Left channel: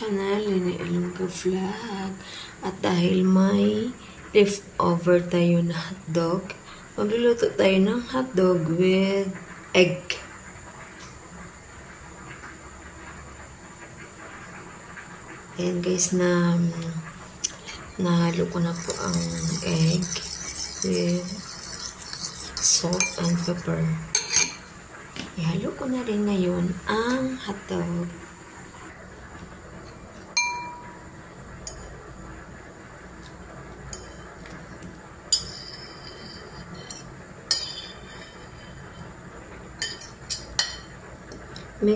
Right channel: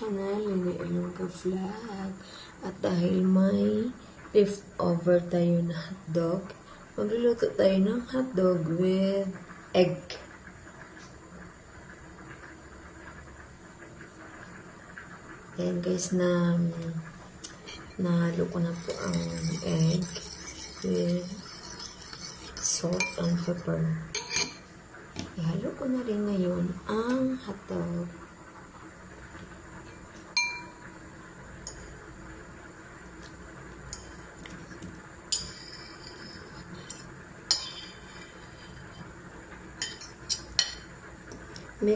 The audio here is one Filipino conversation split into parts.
channel, Lini Ilonggo Vlog. At dahil may leftover tayo na hotdog, magluluto tayo ng hotdog with egg. Ayan guys, nahalo ko na po ang egg with salt and pepper. Ihalo ko na rin ngayon ang hotdog.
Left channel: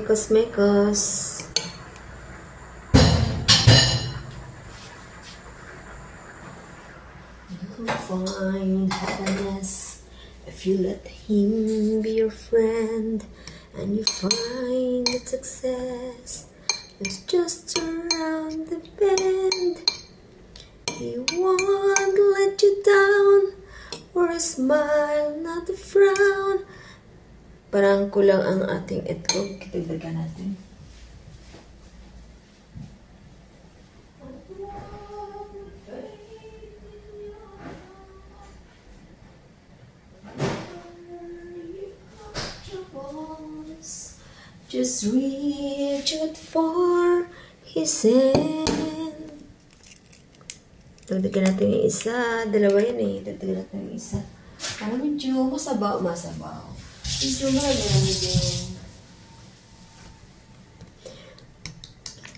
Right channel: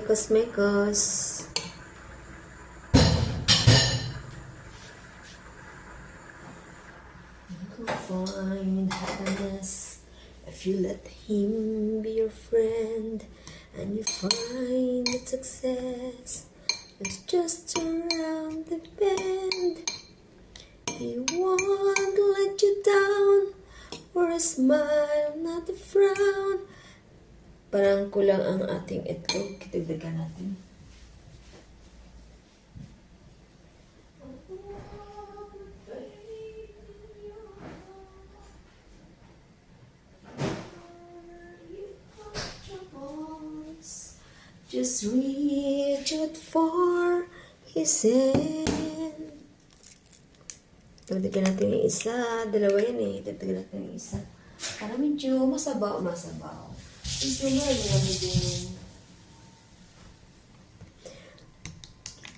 Mekos. You'll find happiness if you let him be your friend, and you find that success is just around the bend. He won't let you down, or a smile, not a frown. Parang kulang ang ating itlog. Kitagdagan natin. Just reach out for his hand. Dagdagan natin yung isa. Dalawa yan eh. Dagdagan natin yung isa. Parang medyo masabaw. Medyo marami din.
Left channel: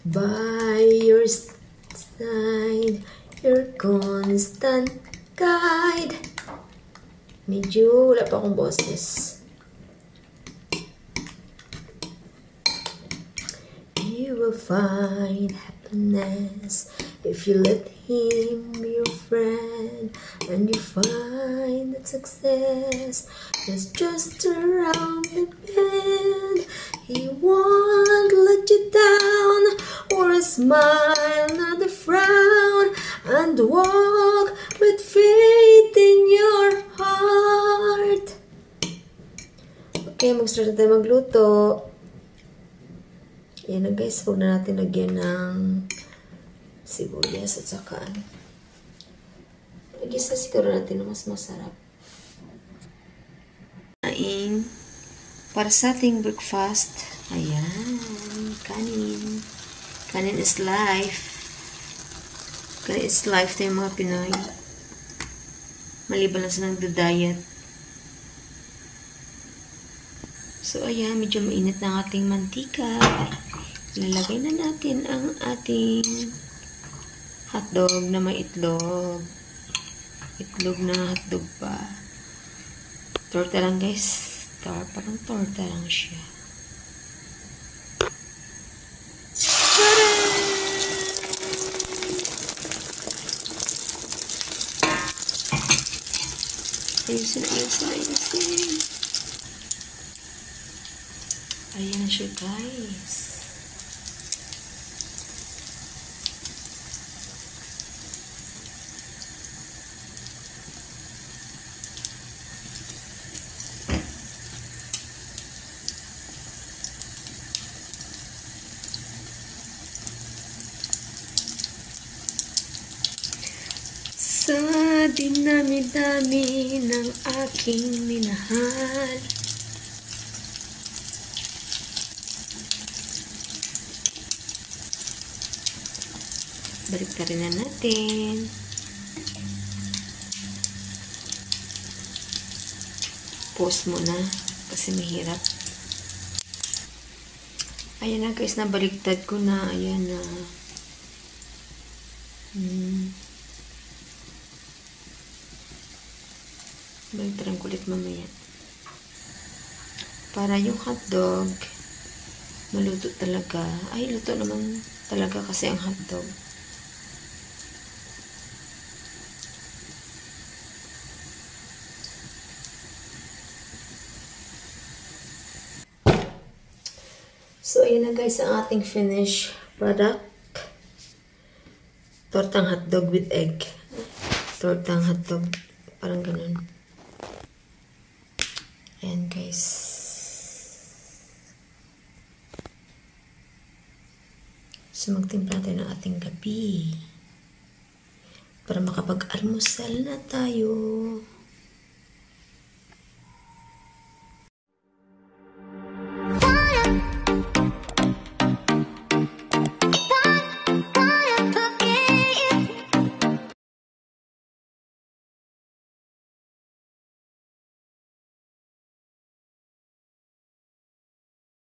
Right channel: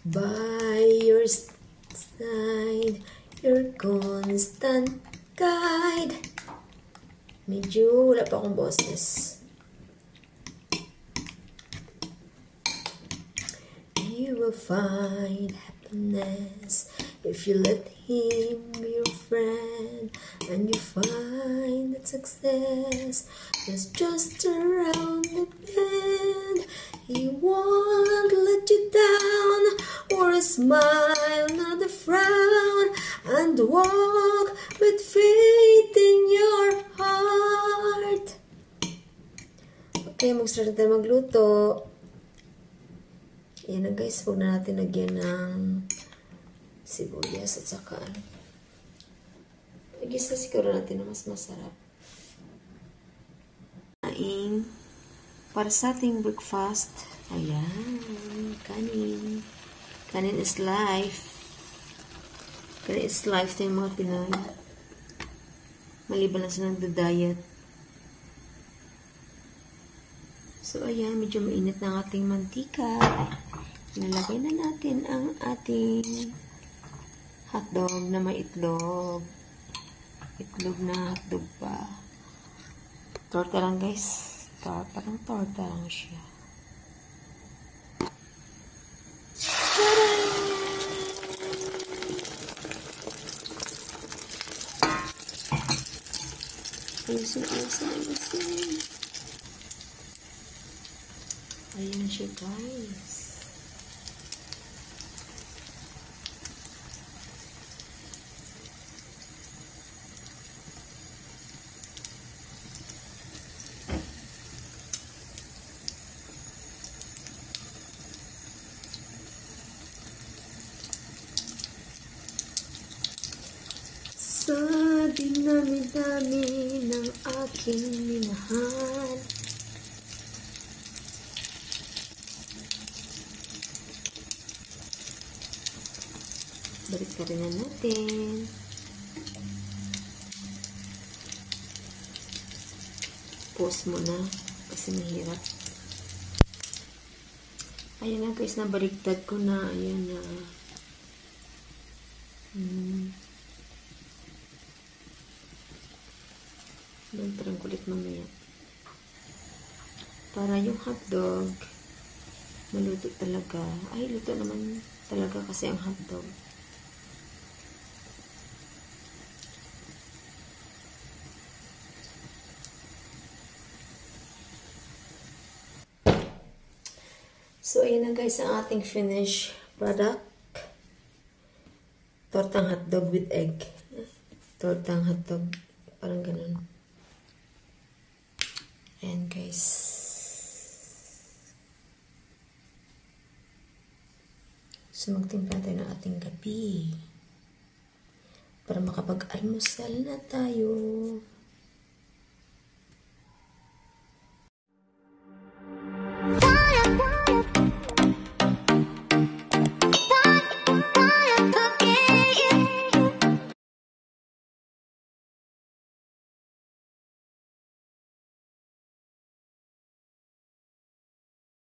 By your side, your constant guide. Medyo wala pa akong boses. You will find happiness if you let him be your friend, and you find that success is just around the bend. He won't let you down, or a smile, not a frown, and walk with faith in your heart. Okay, mag-start na tayo magluto. Yan na guys, huwag na natin lagyan ng sibuyas at saka i-gisa siguro natin na mas masarap. Para sa ating breakfast, ayan, kanin. Kanin is life. Kanin is life tayo mga Pinoy. Maliban lang sa nagda-diet. So, ayan, medyo mainit na ang ating mantika. Lalagay na natin ang ating hotdog na may itlog. Itlog na hotdog pa. Torta lang guys. Parang torta lang siya. Tada! Ayusin. Ayan siya guys. Sa dinami-dami ng aking minahal, balik ka rin na natin. Pause mo na kasi mahirap. Ayan na guys, nabaliktad ko na. Ayan na. Baliktaran ko ulit mamaya. Para yung hotdog maluto talaga. Ay, luto naman talaga kasi ang hotdog. So, ayan na guys ang ating finished product. Tortang hotdog with egg. Tortang hotdog. Parang ganun. Ayan guys. So magtimpla tayo ng ating gabi para makapag-almusal na tayo.